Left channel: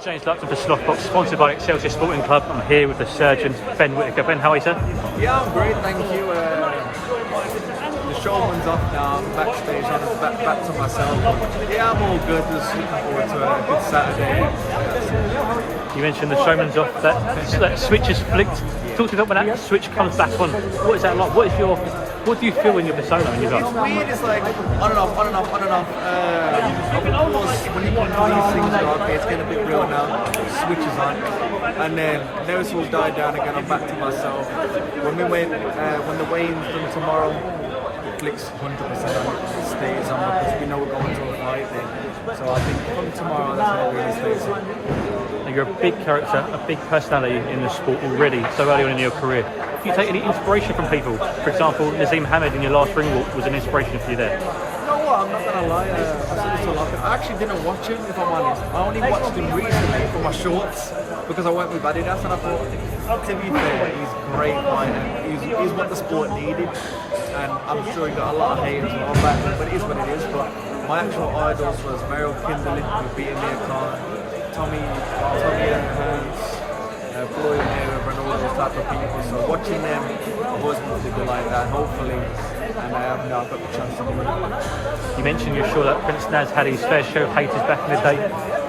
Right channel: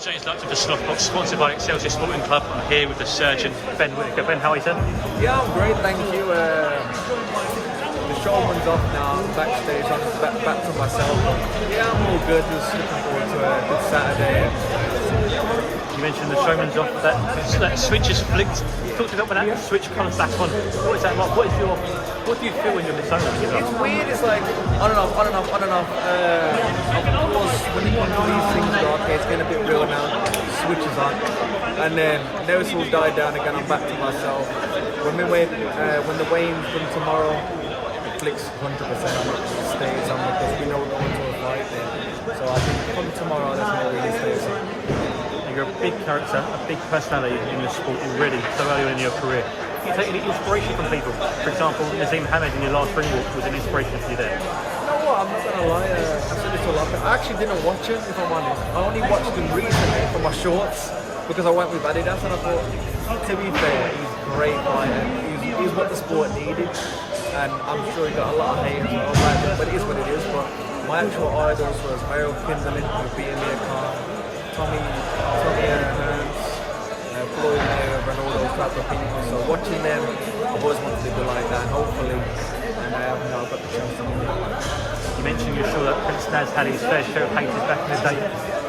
to change that to the Slot Box, sponsored by Excelsior Sporting Club. I'm here with the surgeon, Ben Whittaker. Ben, how are you, sir? Yeah, I'm great, thank you. The showman's off now, I'm backstage, I'm just back to myself. But yeah, I'm all good, just looking forward to a good Saturday. You mentioned the showman's off, that switch is flicked. Yeah. Talk to me about when that switch comes back on. What is that like? What do you feel when you're in the zone? It's weird, it's like on and off, on and off, on and off. Of course, when you come to these things, you're okay, it's getting a bit real now, switch is on. And then nerves will die down again, I'm back to myself. When the weigh-in's done tomorrow, it flicks 100% on, it stays on because we know we're going to a fight then. So I think from tomorrow, that's when it really stays on. You're a big character, a big personality in your sport already, so early in your career. Do you take any inspiration from people? For example, Nazim Hamid in your last ring walk was an inspiration for you there. You know what, I'm not going to lie, I've said this to a lot of people. I actually didn't watch him, if I'm honest. I only watched him recently for my shorts because I went with Adidas and I thought, to be fair, he's a great fighter. He's what the sport needed. And I'm sure he got a lot of hate as well back then, but it is what it is. But my actual idols was Mario Kindlin, who beat Amir Khan, Tommy Hearns, Floyd Mayweather and all those type of people. So watching them, I've always wanted to be like that, and hopefully, and I have now got the chance to do it. You mentioned you're sure that Prince Naz had his fair share of haters back in his day.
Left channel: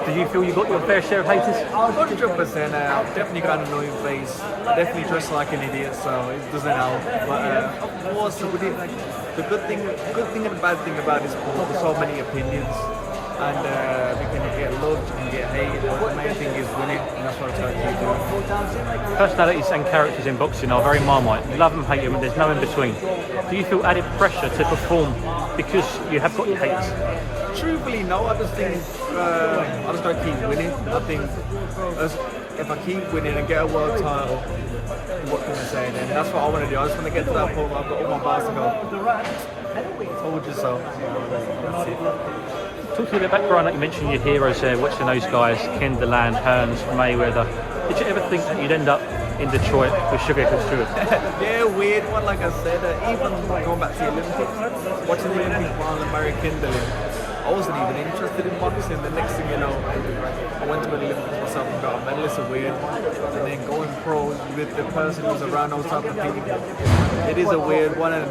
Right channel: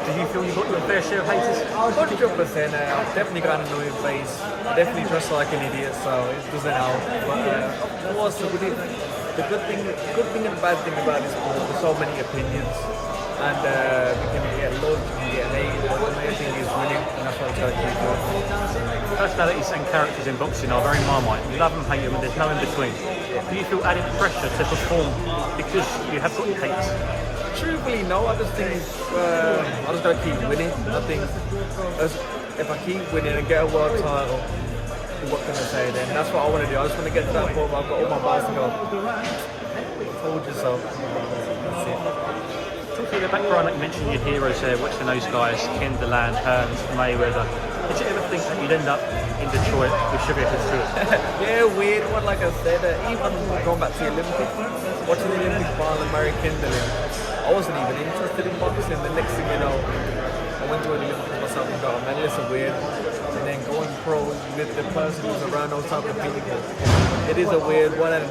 Do you feel you got your fair share of haters? 100%. I've definitely got an annoying face. I definitely dress like an idiot, so it doesn't help. But of course, the good thing and bad thing about this sport, there's so many opinions. And we can get loved, you can get hated, but the main thing is winning, and that's what I'm trying to keep doing. Personalities and characters in boxing are very marmite. You love them, hate them, there's no in between. Do you feel added pressure to perform because you have got hate? Truthfully, no. I just think I just gotta keep winning. I think if I keep winning and get a world title, what can I say then? That's what I want to do. I just want to get to that point where I've got all my belts to go. Told you so. That's it. Talking a bit about Brian, mentioning your heroes there, watching those guys, Kindleland, Hearns, Mayweather. Did you ever think that you'd end up in Detroit with Sugar Hill? Yeah, weird one, like I said. Even going back to the Olympics, watching the Olympic final and Mary Kindling, I wasn't even interested in boxing. The next thing you know, I went to an Olympics myself and got a medal. It's a weird one. And then going pro with the person who's around those type of people, it is a weird one. And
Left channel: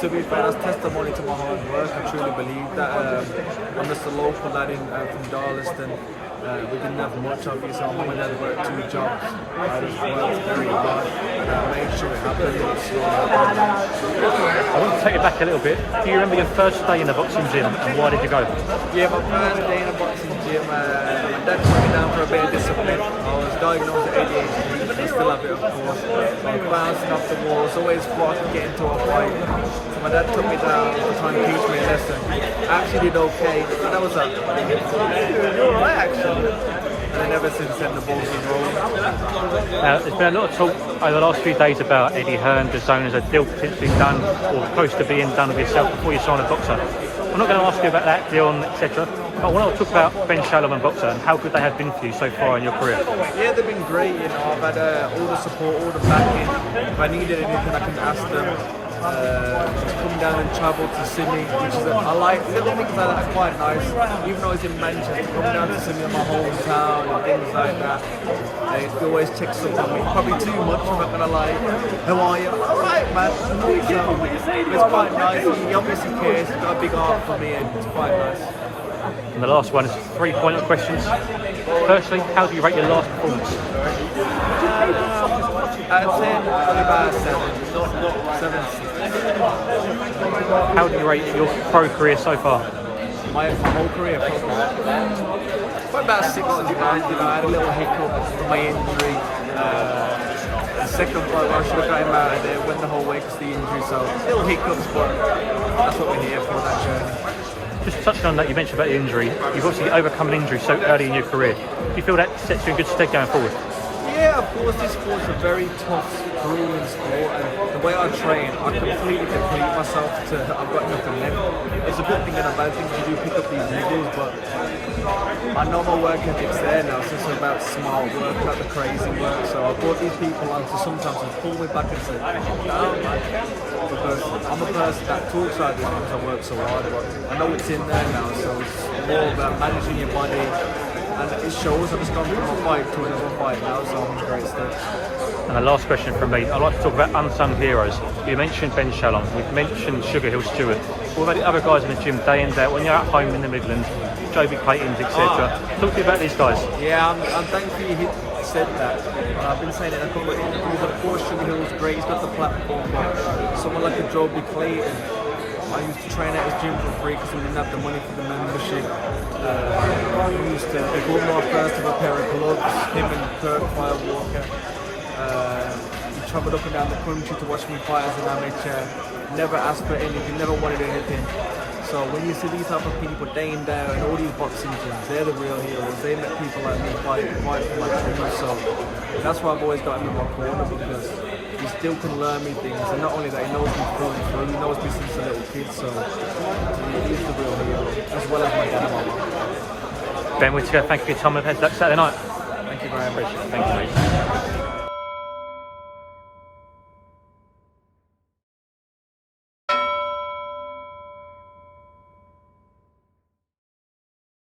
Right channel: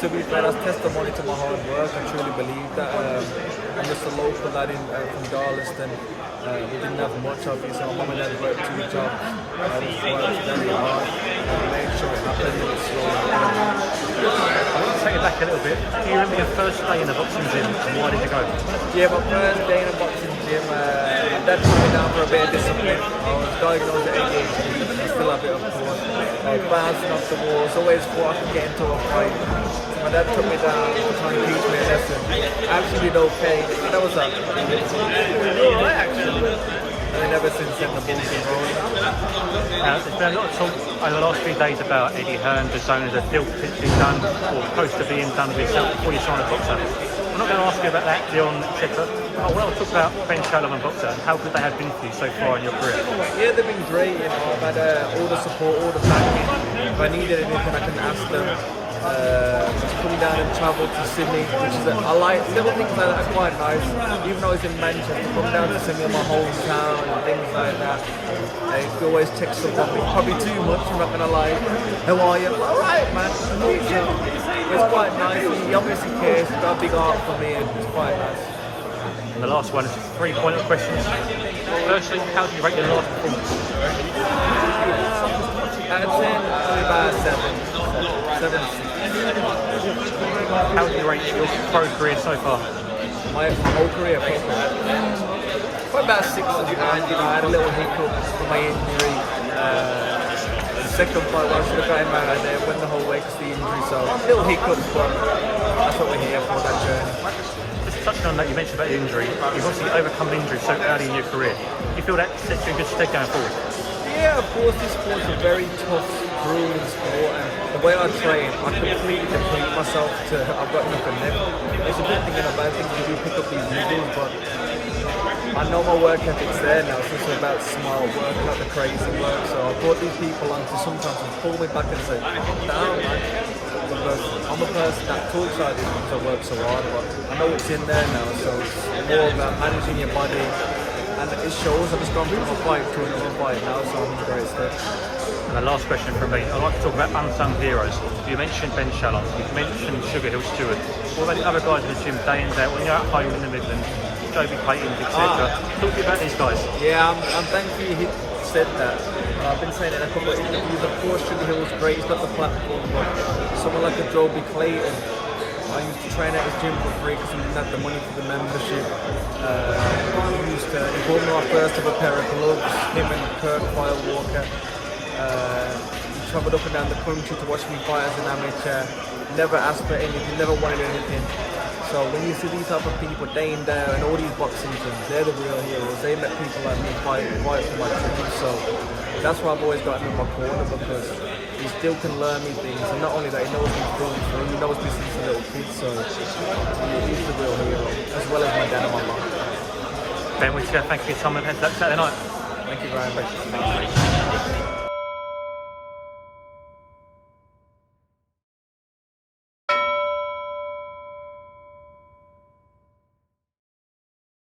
to be fair, that's testimony to my hard work. I truly believe that. I'm just a local lad from Darlaston. We didn't have much, obviously. My mum and dad worked 2 jobs. I just worked very hard and I made sure it happened and it slowly happened. I want to take it back a little bit. Do you remember your first day in a boxing gym and why did you go? Yeah, my first day in a boxing gym, my dad put me down for a bit of discipline. I was diagnosed with ADHD, and I still have it, of course. I was bouncing off the walls, always thought I could get into a fight. So my dad took me down to try and teach me a lesson. I actually did okay. So that was you're alright actually. And then ever since then the ball's been rolling. There's been a lot of talk over the last few days about Eddie Hearn, the zone as a deal potentially done or close to being done with yourself before you sign a boxer. I'm not going to ask you about that deal, etc. I want to talk about Ben Shalom boxer and how good they have been for you so far in your career. Yeah, they've been great. You know, I've had all the support, all the backing. If I needed anything, I can ask them. He's come down and travelled to Sydney, which is I like little things like that are quite nice. Even though he's in Manchester, come down to Sydney, my hometown, and things like that. He always checks up on me, probably too much. I'm not gonna lie. How are you? All right, man. So it's quite nice. He obviously cares. He's got a big heart for me, and it's quite nice. And the last one is 3-point questions. Firstly, how do you rate your last performance? Out of 10, probably about 7, 6. How do you rate your pro career so far? My whole career, probably about 6 as well. You know, I had a little hiccup from my injury. The second fight where I should have got him out of there, went the whole way because of the injury. So little hiccups, but that's what we're here for, that journey. Just touching on that, you mentioned about the injury. You've obviously overcome an injury so early in your career. Do you feel that sets you in good stead going forward? Yeah, of course, this sport's a very tough, grueling sport, and the way I train, I completely deplete myself I've got nothing left. It's a good thing and a bad thing to do pick up these niggles, but I know my work ethic's there now, so it's about smart work, not the crazy work. So I brought these people on to sometimes pull me back and say, calm down, man. Because I'm a person that talks like this because I work so hard, but I know it's in there now, so it's more about managing your body, and it shows. I've just gone from a fight to another fight now, so I'm in great state. And the last question from me, I'd like to talk about unsung heroes. You mentioned Ben Shallon, you mentioned Sugar Hill Stewart. What about the other guys in the gym day in day out when they're at home in the Midlands, Joby Clayton's, etc.? Talk to me about these guys. Yeah, I'm thankful you said that. I've been saying it in a couple of interviews. Of course, Sugar Hill's great, he's got the platform, but someone like a Joby Clayton, I used to train at his gym for free because we didn't have the money for the membership. He bought me my first ever pair of gloves, him and Kirk Firewalker. He travelled up and down the country to watch me fight as an amateur. Never asked for anything, never wanted anything. So when you see these type of people day in day out and all these boxing gyms, they're the real heroes. They met people like me fight for my dreams. So that's why I've always got him in my corner, because he still can learn me things. And not only that, he knows me through and through. He knows me since a little kid. So he's the real hero, as well as my dad and my mum. Ben Whittaker, thank you for your time on Heads Up Saturday night. Thank you very much.